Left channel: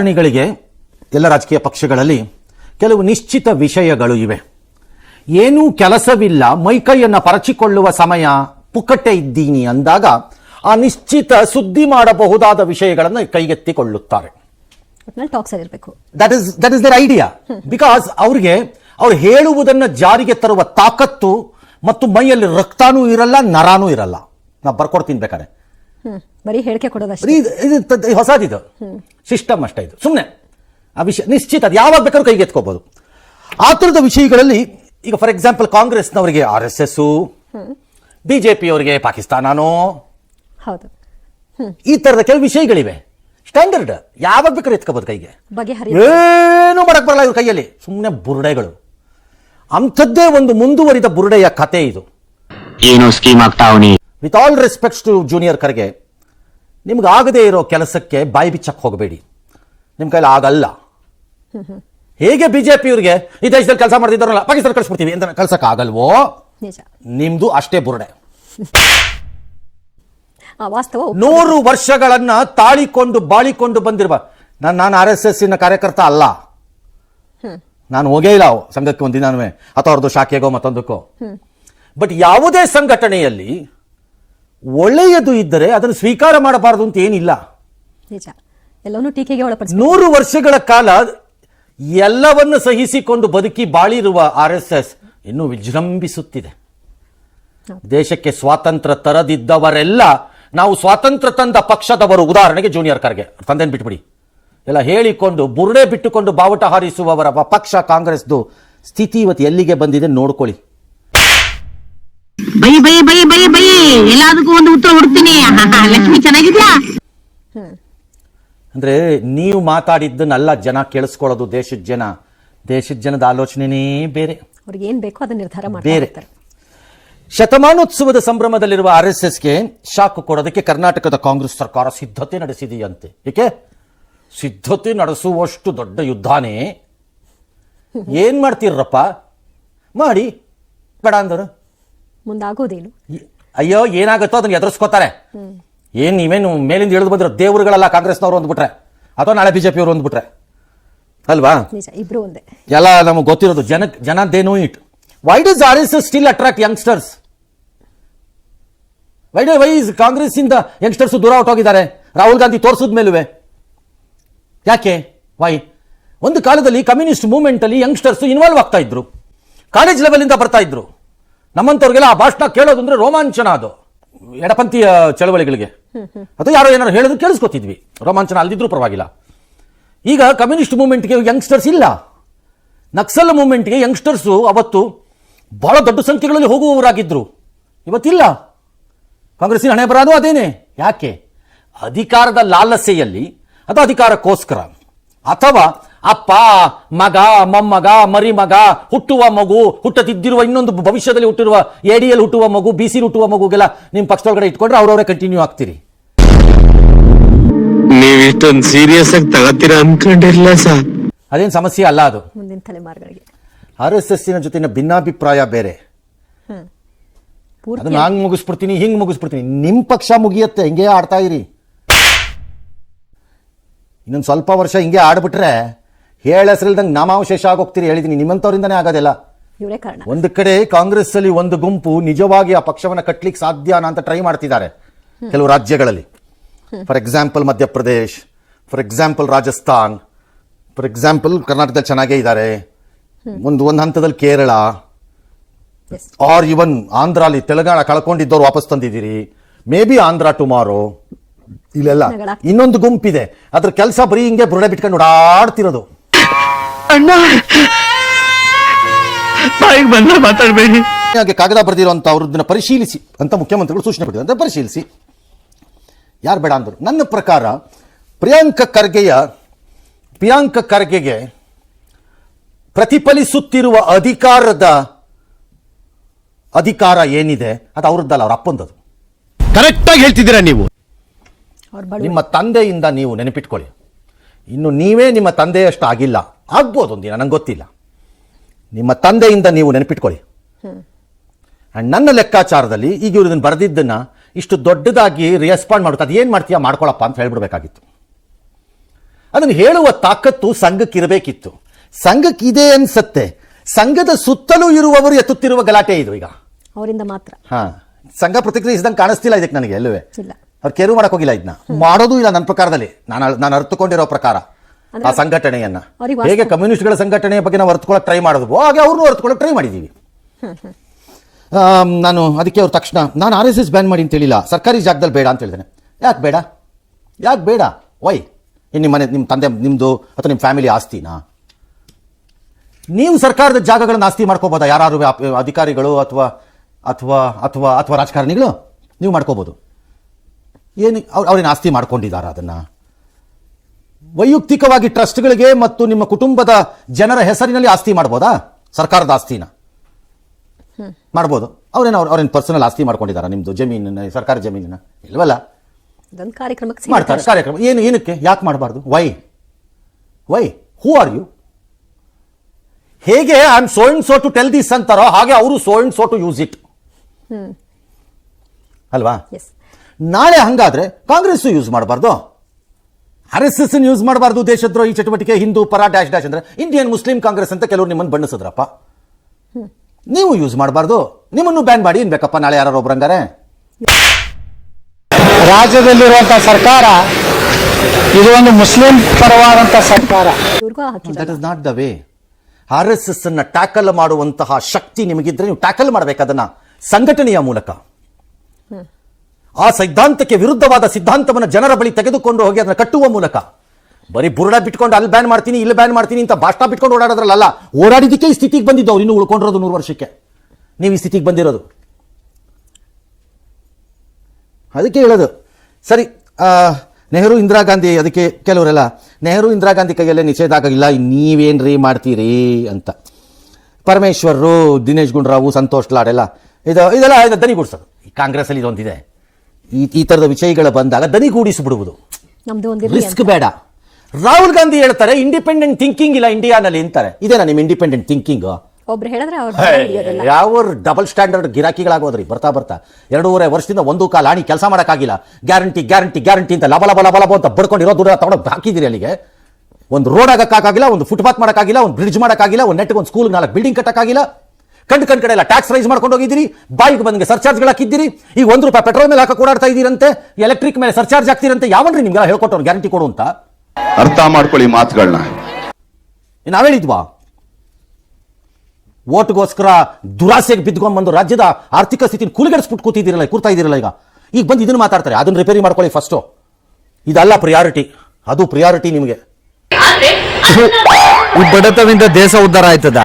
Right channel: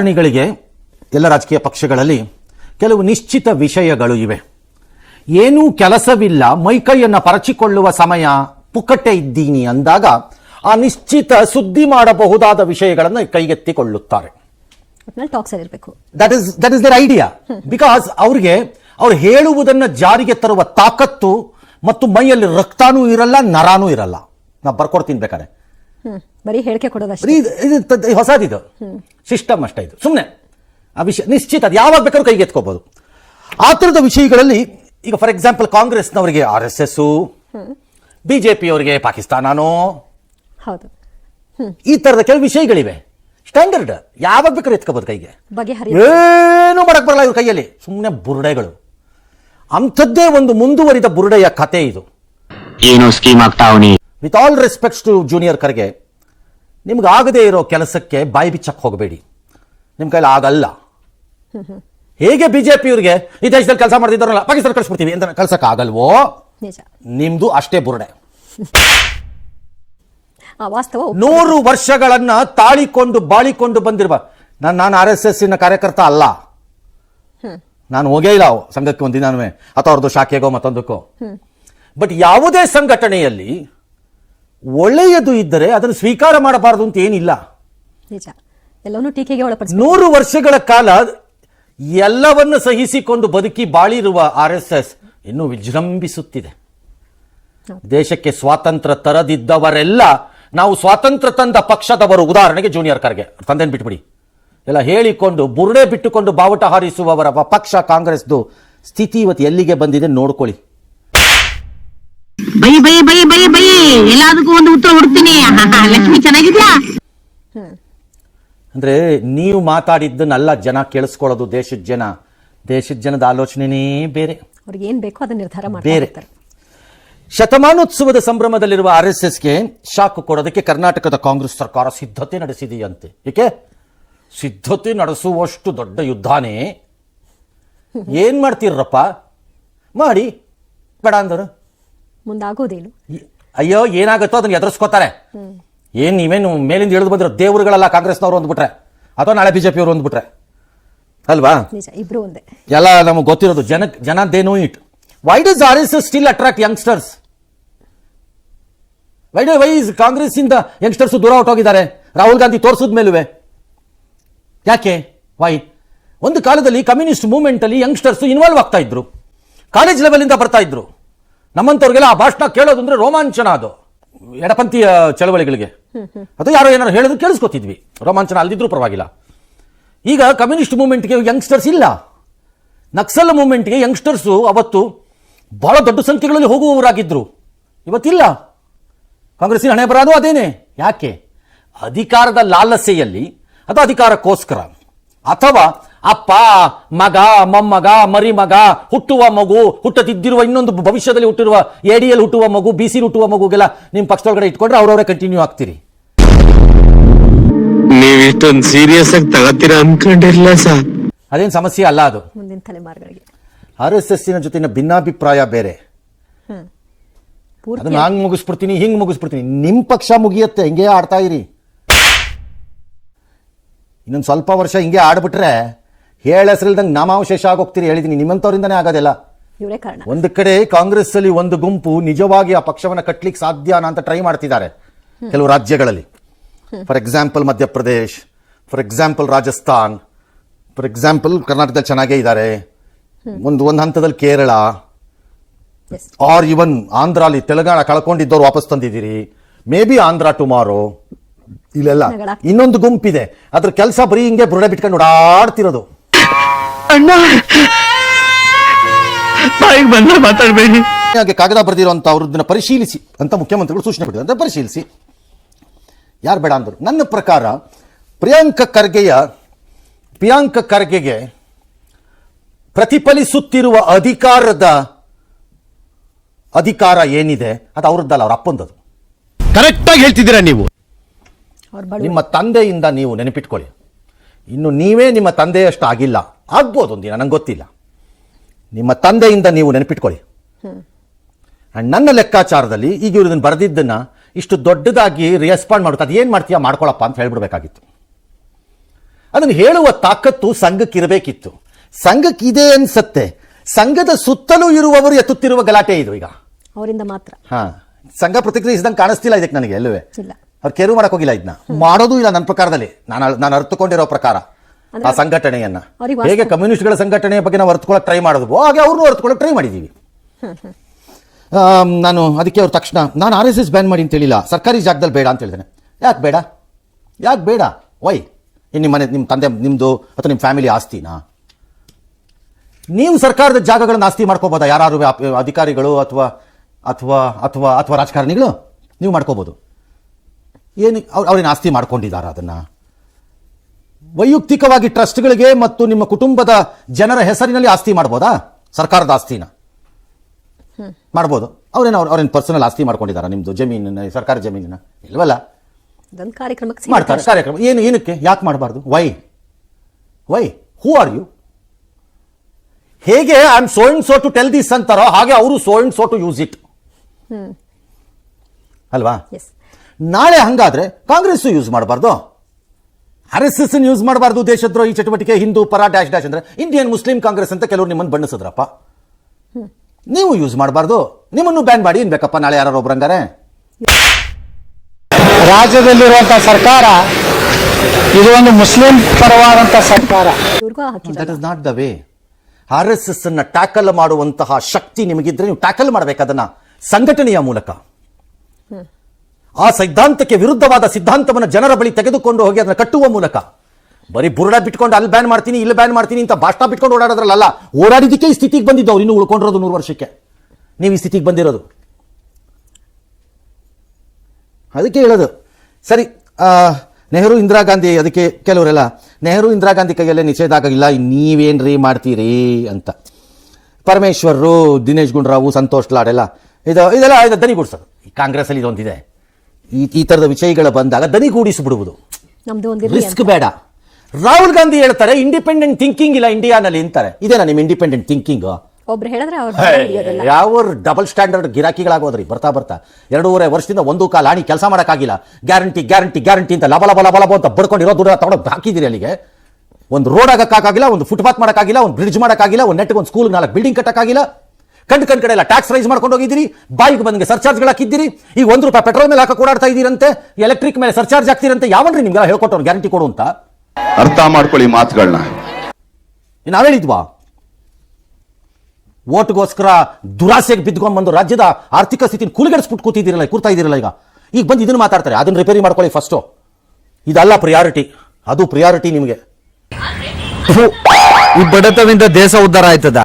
ರಾಜಕಾರಣಿಗಳಿಗೆ ಎಲ್ಲ ರಾಜಕೀಯ ಪಕ್ಷಗಳಲ್ಲಿ ಕೆಲವು ನಿಶ್ಚಿತ ವಿಷಯಗಳು ಇವೆ. ಏನೂ ಕೆಲಸವಿಲ್ಲ, ಮೈಕೈಯನ್ನ ಪರಚಿಕೊಳ್ಳುವ ಸಮಯ, ಪುಕ್ಕಟ್ಟೆ ಇದ್ದೀನಿ ಅಂದಾಗ ಆ ನಿಶ್ಚಿತ ಸುದ್ದಿ ಮಾಡಬಹುದಾದ ವಿಷಯಗಳನ್ನು ಕೈಗೆತ್ತಿಕೊಳ್ಳುತ್ತಾರೆ. That is their idea. Because ಅವ್ರು ಹೇಳುವುದನ್ನ ಜಾರಿಗೆ ತರುವ ತಾಕತ್ತು ಮತ್ತು ಮೈಯಲ್ಲಿ ರಕ್ತಾನೂ ಇರಲ್ಲ, ನರಾನೂ ಇರಲ್ಲ. ನಾ ಬರ್ಕೊಡ್ತೀನಿ ಬೇಕಾದ್ರೆ, ಹೊಸದಿದು ಸಿಸ್ಟಮ್ ಅಷ್ಟೇ. ಇದು ಸುಮ್ಮನೆ ಆ ವಿಷಯ ನಿಶ್ಚಿತ, ಅದು ಯಾವಾಗ ಬೇಕಾದ್ರೂ ಕೈಗೆತ್ಕೋಬಹುದು. ಆ ತರದ ವಿಷಯಗಳಲ್ಲಿ ಈಗ ಫಾರ್ ಎಕ್ಸಾಂಪಲ್ ಕಾಂಗ್ರೆಸ್ನವರಿಗೆ RSS, ಬಿಜೆಪಿ ಅವರಿಗೆ ಪಾಕಿಸ್ತಾನನೋ, ಈ ತರದ ಕೆಲವು ವಿಷಯಗಳಿವೆ. ಸ್ಟ್ಯಾಂಡರ್ಡ್ ಯಾವಾಗ ಬೇಕಾದ್ರೂ ಎತ್ಕೋಬಹುದು ಕೈಗೆ, ಏನು ಮಾಡಕ್ ಬರಲ್ಲ ಇವ್ರ ಕೈಯಲ್ಲಿ. ಸುಮ್ಮನೆ ಬುರುಡೆಗಳು. ಅಂಥದ್ದೇ ಒಂದು ಮುಂದುವರಿದ ಬುರುಡೆಯ ಕತೆ ಇದು. ಏನು ಸ್ಕೀಮ್ ಆಗ್ತಾವನಿ. With all respects to junior Kharge, ನಿಮ್ಗೆ ಆಗದೆ ಇರೋ ಕೆಲಸಕ್ಕೆ ಬಾಯಿ ಬಿಚ್ಚಕ್ ಹೋಗಬೇಡಿ. ನಿಮ್ ಕೈಲಿ ಆಗಲ್ಲ. ಹೇಗೆ ಬಿಜೆಪಿ ಇವರಿಗೆ ಈ ದೇಶದಲ್ಲಿ ಕೆಲಸ ಮಾಡ್ತಿದ್ದಾರಲ್ಲ, ಪಾಕಿಸ್ತಾನ ಕಳಿಸ್ಬಿಡ್ತೀವಿ ಅಂತ ಕಳ್ಸಕ್ ಆಗಲ್ವೋ, ನಿಮ್ದು ಅಷ್ಟೇ ಬುರುಡೆ. 100 ವರ್ಷಗಳನ್ನ ತಾಳಿಕೊಂಡು ಬಾಳಿಕೊಂಡು ಬಂದಿರುವ ನಾನು RSS ಕಾರ್ಯಕರ್ತ ಅಲ್ಲ. ನಾನು ಹೋಗೇ ಇಲ್ಲ ಸಂಘಕ್ಕೆ ಒಂದಿನ, ಅಥವಾ ಅವ್ರದ್ದು ಶಾಖೆಗೋ ಮತ್ತೊಂದಕ್ಕೋ. ಬಟ್ ಯಾವುದೇ ಸಂಘಟನೆಯಲ್ಲಿ ಒಳ್ಳೆಯದು ಇದ್ದರೆ ಅದನ್ನು ಸ್ವೀಕಾರ ಮಾಡಬಾರದು ಅಂತ ಏನಿಲ್ಲ. 100 ವರ್ಷಗಳ ಕಾಲ ಎಲ್ಲವನ್ನು ಸಹಿಸಿಕೊಂಡು ಬದುಕಿ ಬಾಳಿರುವ RSS ಇನ್ನೂ ವಿಜೃಂಭಿಸುತ್ತಿದೆ. ದೇಶಕ್ಕೆ ಸ್ವಾತಂತ್ರ್ಯ ತರದಿದ್ದವರೆಲ್ಲ ನಾವು ಸ್ವಾತಂತ್ರ್ಯ ತಂದ ಪಕ್ಷದವರು. ಉದಾಹರಣೆಗೆ ಜೂನಿಯರ್ ಖರ್ಗೆ ತಂದೆನ್ ಬಿಟ್ಬಿಡಿ, ಎಲ್ಲ ಹೇಳಿಕೊಂಡು ಬುರುಡೆ ಬಿಟ್ಟುಕೊಂಡು ಬಾವುಟ ಹಾರಿಸುವವರ ಪಕ್ಷ ಕಾಂಗ್ರೆಸ್ದು ಸ್ಥಿತಿ ಇವತ್ತು ಎಲ್ಲಿಗೆ ಬಂದಿದೆ ನೋಡ್ಕೊಳ್ಳಿ. Bye bye bye bye bye ಎಲ್ಲದಕ್ಕೂ ಒಂದು ಉತ್ತರ ಹುಡುಕ್ತೀನಿ. ಲಕ್ಷ್ಮಿ ಚೆನ್ನಾಗಿದ್ಯಾ? ಅಂದ್ರೆ ನೀವು ಮಾತಾಡಿದ್ದನ್ನೆಲ್ಲ ಜನ ಕೇಳಿಸ್ಕೊಳ್ಳೋದು. ದೇಶದ ಜನದ ಆಲೋಚನೆನೇ ಬೇರೆ, ಏನ್ ಬೇಕೋ ಅದನ್ನ ನಿರ್ಧಾರ ಬೇರೆ. ಶತಮಾನೋತ್ಸವದ ಸಂಭ್ರಮದಲ್ಲಿರುವ RSSಗೆ ಶಾಕ್ ಕೊಡೋದಕ್ಕೆ ಕರ್ನಾಟಕದ ಕಾಂಗ್ರೆಸ್ ಸರ್ಕಾರ ಸಿದ್ಧತೆ ನಡೆಸಿದೆಯಂತೆ. ಏಕೆ ಸಿದ್ಧತೆ ನಡೆಸುವಷ್ಟು ದೊಡ್ಡ ಯುದ್ಧನೇ? ಏನ್ ಮಾಡ್ತೀರಪ್ಪ, ಮಾಡಿ, ಬೇಡ ಅಂದರು ಮುಂದಾಗೋದೇನು? ಅಯ್ಯೋ ಏನಾಗುತ್ತೋ ಅದನ್ನ ಎದುರಿಸ್ಕೋತಾರೆ. ಏನ್ ನೀವೇನು ಮೇಲಿಂದ ಎಳೆದು ಬಂದ್ರೆ ದೇವರುಗಳೆಲ್ಲ ಕಾಂಗ್ರೆಸ್ನವರು ಅಂದ್ಬಿಟ್ರೆ, ಅಥವಾ ನಾಳೆ ಬಿಜೆಪಿ ಅವರು ಅಂದ್ಬಿಟ್ರೆ ಅಲ್ವಾ? ಇಬ್ರು ಒಂದೇ. ಎಲ್ಲ ನಮಗೆ ಗೊತ್ತಿರೋದು. ಜನ they know it. Why does RSS still attract youngsters? Why Congress ಇಂದ ಯಂಗ್ಸ್ಟರ್ಸ್ ದೂರ ಹೊರಟೋಗಿದ್ದಾರೆ ರಾಹುಲ್ ಗಾಂಧಿ ತೋರಿಸಿದ ಮೇಲಿವೆ. ಯಾಕೆ? ವೈ? ಒಂದು ಕಾಲದಲ್ಲಿ ಕಮ್ಯುನಿಸ್ಟ್ ಮೂವ್ಮೆಂಟ್ ಅಲ್ಲಿ ಯಂಗ್ಸ್ಟರ್ಸ್ ಇನ್ವಾಲ್ವ್ ಆಗ್ತಾ ಇದ್ರು, ಕಾಲೇಜ್ ಲೆವೆಲ್ ಇಂದ ಬರ್ತಾ ಇದ್ರು. ನಮ್ಮಂತವ್ರಿಗೆಲ್ಲ ಆ ಭಾಷಣ ಕೇಳೋದು ಅಂದ್ರೆ ರೋಮಾಂಚನ. ಅದು ಎಡಪಂಥೀಯ ಚಳವಳಿಗಳಿಗೆ ಮತ್ತೆ ಯಾರೋ ಏನಾರು ಹೇಳಿದ್ರು ಕೇಳಿಸ್ಕೊತಿದ್ವಿ, ರೋಮಾಂಚನ ಅಲ್ದಿದ್ರು ಪರವಾಗಿಲ್ಲ. ಈಗ ಕಮ್ಯುನಿಸ್ಟ್ ಮೂವ್ಮೆಂಟ್ಗೆ ಯಂಗ್ಸ್ಟರ್ಸ್ ಇಲ್ಲ. ನಕ್ಸಲ್ ಮೂವ್ಮೆಂಟ್ಗೆ ಯಂಗ್ಸ್ಟರ್ಸ್ ಅವತ್ತು ಬಹಳ ದೊಡ್ಡ ಸಂಖ್ಯೆಗಳಲ್ಲಿ ಹೋಗುವವರಾಗಿದ್ರು, ಇವತ್ತಿಲ್ಲ. ಕಾಂಗ್ರೆಸ್ಸಿನ ಹಣೆ ಬರೋದು ಅದೇನೆ. ಯಾಕೆ? ಅಧಿಕಾರದ ಲಾಲಸೆಯಲ್ಲಿ, ಅಥವಾ ಅಧಿಕಾರಕ್ಕೋಸ್ಕರ, ಅಥವಾ ಅಪ್ಪ ಮಗ ಮೊಮ್ಮಗ ಮರಿಮಗ ಹುಟ್ಟುವ ಮಗು, ಹುಟ್ಟದಿದ್ದಿರುವ ಇನ್ನೊಂದು ಭವಿಷ್ಯದಲ್ಲಿ ಹುಟ್ಟಿರುವ ADL ಹುಟ್ಟುವ ಮಗು, BC ಹುಟ್ಟುವ ಮಗುಗೆಲ್ಲ ನಿಮ್ ಪಕ್ಷದೊಳಗಡೆ ಇಟ್ಕೊಂಡ್ರೆ ಅವ್ರವರೇ ಕಂಟಿನ್ಯೂ ಆಗ್ತೀರಿ. ನೀವ್ ಇಷ್ಟೊಂದು ಸೀರಿಯಸ್ ಆಗಿ ತಗೋತೀರಾ ಅನ್ಕೊಂಡಿರ್ಲಿಲ್ಲ ಸರ್. ಅದೇನ್ ಸಮಸ್ಯೆ ಅಲ್ಲ. ಅದು ಮುಂದಿನ ತಲೆಮಾರುಗಳಿಗೆ RSSನ ಜೊತೆನ ಭಿನ್ನಾಭಿಪ್ರಾಯ ಬೇರೆ. ನಾನು ಮುಗಿಸ್ಬಿಡ್ತೀನಿ, ಹಿಂಗ್ ಮುಗಿಸ್ಬಿಡ್ತೀನಿ, ನಿಮ್ ಪಕ್ಷ ಮುಗಿಯುತ್ತೆ, ಹಿಂಗೆ ಆಡ್ತಾ ಇರಿ. ಇನ್ನೊಂದು ಸ್ವಲ್ಪ ವರ್ಷ ಹಿಂಗೆ ಆಡ್ಬಿಟ್ರೆ ಹೆಸರಿಲ್ದಂಗೆ ನಾಮಾವಶೇಷ ಆಗೋಗ್ತೀರಿ. ಹೇಳಿದೀನಿ, ನಿಮ್ಮಂತವರಿಂದನೇ ಆಗೋದಿಲ್ಲ. ಒಂದ ಕಡೆ ಕಾಂಗ್ರೆಸ್ ಅಲ್ಲಿ ಒಂದು ಗುಂಪು ನಿಜವಾಗಿ ಆ ಪಕ್ಷವನ್ನ ಕಟ್ಲಿಕ್ಕೆ ಸಾಧ್ಯನಾ ಅಂತ ಟ್ರೈ ಮಾಡ್ತಿದ್ದಾರೆ ಕೆಲವು ರಾಜ್ಯಗಳಲ್ಲಿ. For example Madhya Pradesh, for example Rajasthan, for example ಕರ್ನಾಟಕದಲ್ಲಿ ಚೆನ್ನಾಗೇ ಇದ್ದಾರೆ. ಒಂದು ಹಂತದಲ್ಲಿ ಕೇರಳ, ಆರ್ ಇವನ್ ಆಂಧ್ರ ಅಲ್ಲಿ ತೆಲಂಗಾಣ ಕಳ್ಕೊಂಡಿದ್ದವ್ರು ವಾಪಸ್ ತಂದಿದ್ದೀರಿ. Maybe Andhra tomorrow. ಇಲ್ಲೆಲ್ಲ ಇನ್ನೊಂದು ಗುಂಪಿದೆ, ಅದ್ರ ಕೆಲಸ ಬರೀ ಹಿಂಗೆ ಬುರುಡೆ ಬಿಟ್ಕೊಂಡು ಓಡಾಡ್ತಿರೋದು. ಮಾತಾಡ್ಬೇಡಿ. ಹಾಗೆ ಕಾಗದ ಬರೆದಿರುವಂತ ಅವ್ರದನ್ನ ಪರಿಶೀಲಿಸಿ ಅಂತ ಮುಖ್ಯಮಂತ್ರಿಗಳು ಸೂಚನೆ ಕೊಟ್ಟಿದ್ದಾರೆ. ಪರಿಶೀಲಿಸಿ, ಯಾರು ಬೇಡ ಅಂದ್ರು. ನನ್ನ ಪ್ರಕಾರ ಪ್ರಿಯಾಂಕ ಖರ್ಗೆಗೆ ಪ್ರತಿಫಲಿಸುತ್ತಿರುವ ಅಧಿಕಾರ ಏನಿದೆ ಅದು ಅವ್ರದ್ದಲ್ಲ, ಅವ್ರ ಅಪ್ಪಂದದು. ಕರೆಕ್ಟ್ ಆಗಿ ಹೇಳ್ತಿದ್ದೀರಾ ನೀವು. ನಿಮ್ಮ ತಂದೆಯಿಂದ ನೀವು ನೆನಪಿಟ್ಕೊಳ್ಳಿ. ಇನ್ನು ನೀವೇ ನಿಮ್ಮ ತಂದೆಯಷ್ಟು ಆಗಿಲ್ಲ, ಆಗ್ಬೋದು ಒಂದಿನ, ನಂಗೆ ಗೊತ್ತಿಲ್ಲ. ನಿಮ್ಮ ತಂದೆಯಿಂದ ನೀವು ನೆನಪಿಟ್ಕೊಳ್ಳಿ. ನನ್ನ ಲೆಕ್ಕಾಚಾರದಲ್ಲಿ ಈಗ ಇವ್ರನ್ನ ಬರೆದಿದ್ದನ್ನ ಇಷ್ಟು ದೊಡ್ಡದಾಗಿ ರೆಸ್ಪಾಂಡ್ ಮಾಡ್ತಾ ಏನ್ ಮಾಡ್ತೀಯ ಮಾಡ್ಕೊಳಪ್ಪ ಅಂತ ಹೇಳ್ಬಿಡ್ಬೇಕಾಗಿತ್ತು. ಅದನ್ನ ಹೇಳುವ ತಾಕತ್ತು ಸಂಘಕ್ಕಿರಬೇಕಿತ್ತು. ಸಂಘಕ್ಕಿದೆ ಅನ್ಸತ್ತೆ. ಸಂಘದ ಸುತ್ತಲೂ ಇರುವವರು ಎತ್ತುತ್ತಿರುವ ಗಲಾಟೆ ಇದು ಈಗ. ಅವರಿಂದ ಮಾತ್ರ ಸಂಘ ಪ್ರತಿಕ್ರಿಯಿಸಿದಂಗೆ ಕಾಣಿಸ್ತಿಲ್ಲ ಇದಕ್ಕೆ ನನಗೆ ಎಲ್ಲವೇ. ಇಲ್ಲ. ಅವ್ರು ಕೇರು ಮಾಡಕ್ ಹೋಗಿಲ್ಲ ಇದನ್ನ, ಮಾಡೋದು ಇಲ್ಲ ನನ್ನ ಪ್ರಕಾರದಲ್ಲಿ. ನಾನು ಅರ್ಥಕೊಂಡಿರೋ ಪ್ರಕಾರ ಆ ಸಂಘಟನೆಯನ್ನ ಹೇಗೆ ಕಮ್ಯುನಿಸ್ಟ್ಗಳ ಸಂಘಟನೆಯ ಬಗ್ಗೆ ನಾವು ಅರ್ಥಕೊಳಕ್ ಟ್ರೈ ಮಾಡಿದ್ವಿ, ಹಾಗೆ ಅವ್ರನ್ನೂ ಅರ್ಥಕೊಳಕ್ ಟ್ರೈ ಮಾಡಿದೀವಿ. ನಾನು ಅದಕ್ಕೆ ಅವ್ರ ತಕ್ಷಣ ನಾನು RSS ಬ್ಯಾನ್ ಮಾಡಿ ಅಂತ ಹೇಳಿಲ್ಲ, ಸರ್ಕಾರಿ ಜಾಗದಲ್ಲಿ ಬೇಡ ಅಂತ ಹೇಳಿದ್ದೇನೆ. ಯಾಕೆ ಬೇಡ ವೈ? ನಿಮ್ಮ ಮನೆ, ನಿಮ್ಮ ತಂದೆ, ನಿಮ್ದು ಅಥವಾ ನಿಮ್ಮ ಫ್ಯಾಮಿಲಿ ಆಸ್ತಿನಾ? ನೀವು ಸರ್ಕಾರದ ಜಾಗಗಳನ್ನ ಆಸ್ತಿ ಮಾಡ್ಕೋಬೋದಾ? ಯಾರು ಅಧಿಕಾರಿಗಳು ಅಥವಾ ಅಥವಾ ಅಥವಾ ಅಥವಾ ರಾಜಕಾರಣಿಗಳು ನೀವು ಮಾಡ್ಕೋಬಹುದು. ಏನು ಅವ್ರೇನು ಆಸ್ತಿ ಮಾಡ್ಕೊಂಡಿದ್ದಾರೆ? ಅದನ್ನ ವೈಯಕ್ತಿಕವಾಗಿ ಟ್ರಸ್ಟ್ಗಳಿಗೆ ಮತ್ತು ನಿಮ್ಮ ಕುಟುಂಬದ ಜನರ ಹೆಸರಿನಲ್ಲಿ ಆಸ್ತಿ ಮಾಡ್ಬೋದಾ? ಸರ್ಕಾರದ ಆಸ್ತಿನ ಮಾಡ್ಬೋದು. ಅವ್ರೇನು ಪರ್ಸನಲ್ ಆಸ್ತಿ ಮಾಡ್ಕೊಂಡಿದಾರ? ನಿಮ್ದು ಜಮೀನನ್ನ, ಸರ್ಕಾರ ಜಮೀನನ್ನ? ಇಲ್ವಲ್ಲ. ಇದೊಂದು ಕಾರ್ಯಕ್ರಮಕ್ಕೆ ಮಾಡ್ತಾರೆ ಕಾರ್ಯಕ್ರಮ. ಏನಕ್ಕೆ ಯಾಕೆ ಮಾಡಬಾರ್ದು? Why who are you? ಹೇಗೆ I am so and so to tell this ಅಂತಾರೋ ಹಾಗೆ ಅವರು so and so to use it ಅಲ್ವಾ? ನಾಳೆ ಹಂಗಾದ್ರೆ ಕಾಂಗ್ರೆಸ್ ಯೂಸ್ ಮಾಡಬಾರ್ದು, RSS ಯೂಸ್ ಮಾಡಬಾರ್ದು. ದೇಶದ್ರೋಹಿ ಚಟುವಟಿಕೆ, ಹಿಂದೂ ಪರ ಡ್ಯಾಶ್ ಡ್ಯಾಶ್ ಅಂದ್ರೆ ಇಂಡಿಯನ್ ಮುಸ್ಲಿಂ ಕಾಂಗ್ರೆಸ್ ಅಂತ ಕೆಲವರು ನಿಮ್ಮನ್ನು ಬಣ್ಣಿಸಿದ್ರಪ್ಪ. ನೀವು ಯೂಸ್ ಮಾಡಬಾರ್ದು, ನಿಮ್ಮನ್ನು ಬ್ಯಾನ್ ಮಾಡಿ ಏನ್ ಬೇಕಪ್ಪ ನಾಳೆ ಯಾರು ಒಬ್ರಂಗಾರೆ? ರಾಜ್ಯದಲ್ಲಿರುವಂತಹ ಸರ್ಕಾರ ಇದು ಒಂದು ಮುಸ್ಲಿಂ ಪರವಾದಂತ ಸರ್ಕಾರ. ಇವ್ರಿಗೂ ಹಾಕಿದ್ದಾರೆ. That is not the way. RSS ಅನ್ನ ಟ್ಯಾಕಲ್ ಮಾಡುವಂತಹ ಶಕ್ತಿ ನಿಮಗಿದ್ರೆ ನೀವು ಟ್ಯಾಕಲ್ ಮಾಡಬೇಕು ಅದನ್ನ ಸಂಘಟನೆಯ ಮೂಲಕ. ಆ ಸಿದ್ಧಾಂತಕ್ಕೆ ವಿರುದ್ಧವಾದ ಸಿದ್ಧಾಂತವನ್ನು ಜನರ ಬಳಿ ತೆಗೆದುಕೊಂಡು ಹೋಗಿ ಅದನ್ನ ಕಟ್ಟುವ ಮೂಲಕ. ಬರೀ ಬುರುಡ ಬಿಟ್ಕೊಂಡು ಅಲ್ಲಿ ಬ್ಯಾನ್ ಮಾಡ್ತೀನಿ, ಇಲ್ಲಿ ಬ್ಯಾನ್ ಮಾಡ್ತೀನಿ ಅಂತ ಭಾಷಣ ಬಿಟ್ಕೊಂಡು ಓಡಾಡೋದ್ರಲ್ಲ. ಓಡಾಡಿದಕ್ಕೆ ಈ ಸ್ಥಿತಿಗೆ ಬಂದಿದ್ದವ್ರು, ಇನ್ನು ಉಳ್ಕೊಂಡಿರೋದು 100 ವರ್ಷಕ್ಕೆ. ನೀವು ಈ ಸ್ಥಿತಿಗೆ ಬಂದಿರೋದು. ಅದಕ್ಕೆ ಹೇಳೋದು ಸರಿ. ನೆಹರು ಇಂದಿರಾ ಗಾಂಧಿ, ಅದಕ್ಕೆ ಕೆಲವರೆಲ್ಲ ನೆಹರು ಇಂದಿರಾ ಗಾಂಧಿ ಕೈಯಲ್ಲೇ ನಿಷೇಧ ಆಗಿಲ್ಲ, ನೀವೇನ್ರಿ ಮಾಡ್ತೀರಿ ಅಂತ. ಪರಮೇಶ್ವರರು, ದಿನೇಶ್ ಗುಂಡೂರಾವ್, ಸಂತೋಷ್ ಲಾಡ್ ಎಲ್ಲ ಇದೆಲ್ಲ ದನಿಗೂಡಿಸೋದು. ಕಾಂಗ್ರೆಸ್ ಅಲ್ಲಿ ಇದೊಂದಿದೆ, ಈ ತರದ ವಿಷಯಗಳ ಬಂದಾಗ ದನಿಗೂಡಿಸಿಬಿಡುವುದು. ನಮ್ದು ಒಂದು ರಿಸ್ಕ್ ಬೇಡ. ರಾಹುಲ್ ಗಾಂಧಿ ಹೇಳ್ತಾರೆ ಇಂಡಿಪೆಂಡೆಂಟ್ ಥಿಂಕಿಂಗ್ ಇಲ್ಲ ಇಂಡಿಯಾನಲ್ಲಿ ಅಂತಾರೆ. ಇದೇನಾ ನಿಮ್ ಇಂಡಿಪೆಂಡೆಂಟ್ ಥಿಂಕಿಂಗ್? ಒಬ್ರು ಹೇಳಿದ್ರೆ ಯಾವ ಡಬಲ್ ಸ್ಟ್ಯಾಂಡರ್ಡ್ ಗಿರಾಕಿಗಳಾಗೋದ್ರಿ ಬರ್ತಾ 2.5 ವರ್ಷದಿಂದ 1 ಕಾಲ ಆಣಿ ಕೆಲಸ ಮಾಡಕ್ಕಾಗಿಲ್ಲ. ಗ್ಯಾರಂಟಿ ಗ್ಯಾರಂಟಿ ಗ್ಯಾರಂಟಿ ಅಂತ ಲಬ ಅಂತ ಬಿಡ್ಕೊಂಡಿರೋ ದುಡ್ಡು ತಗೊಂಡು ಹಾಕಿದಿರಿ ಅಲ್ಲಿಗೆ. ಒಂದು ರೋಡ್ ಆಗಕ್ಕಾಗಿಲ್ಲ, ಒಂದು ಫುಟ್ಪಾತ್ ಮಾಡಕ್ಕಾಗಿಲ್ಲ, ಒಂದು ಬ್ರಿಡ್ಜ್ ಮಾಡಕ್ಕಾಗಿಲ್ಲ, ಒಂದು ನೆಟ್ಗೆ ಒಂದು ಸ್ಕೂಲ್ 4 ಬಿಲ್ಡಿಂಗ್ ಕಟ್ಟಕ್ಕಾಗಿಲ್ಲ. ಕಂಡು ಕಡೆ ಎಲ್ಲ ಟ್ಯಾಕ್ಸ್ ರೈಸ್ ಮಾಡ್ಕೊಂಡು ಹೋಗಿದ್ದೀರಿ, ಬಾಯಿಗೆ ಬಂದಂಗೆ ಸರ್ಚಾರ್ಜ್ಗಳು ಹಾಕಿದ್ದೀರಿ. ಈ ₹1 ಪೆಟ್ರೋಲ್ ಮೇಲೆ ಹಾಕಿ ಓಡಾಡ್ತಾ ಇದ್ದೀರಂತೆ, ಎಲೆಕ್ಟ್ರಿಕ್ ಮೇಲೆ ಸರ್ಚಾರ್ಜ್ ಹಾಕ್ತಿರಂತೆ. ಯಾವನ್ರಿ ನಿಮ್ಗೆ ಹೇಳ್ಕೊಟ್ಟವ್ರು ಗ್ಯಾರಂಟಿ ಕೊಡು ಅಂತ? ಅರ್ಥ ಮಾಡ್ಕೊಳ್ಳಿ ಮಾತುಗಳನ್ನ. ನಾವ್ ಹೇಳಿದ್ವಾ? ಓಟ್ಗೋಸ್ಕರ ದುರಾಸೆಗೆ ಬಿದ್ಕೊಂಡ್ಬಂದು ರಾಜ್ಯದ ಆರ್ಥಿಕ ಸ್ಥಿತಿನ ಕೂಲಿಗಡಿಸ್ಬಿಟ್ಟು ಕೂರ್ತಾ ಇದೀರಲ್ಲ ಈಗ ಬಂದು ಇದನ್ನ ಮಾತಾಡ್ತಾರೆ. ಅದನ್ನ ರಿಪೇರಿ ಮಾಡ್ಕೊಳ್ಳಿ ಫಸ್ಟ್. ಇದಲ್ಲ ಪ್ರಿಯಾರಿಟಿ, ಅದು ಪ್ರಿಯಾರಿಟಿ ನಿಮಗೆ. ಈ ಬಡತನದಿಂದ ದೇಶ ಉದ್ಧಾರ ಆಯ್ತದ?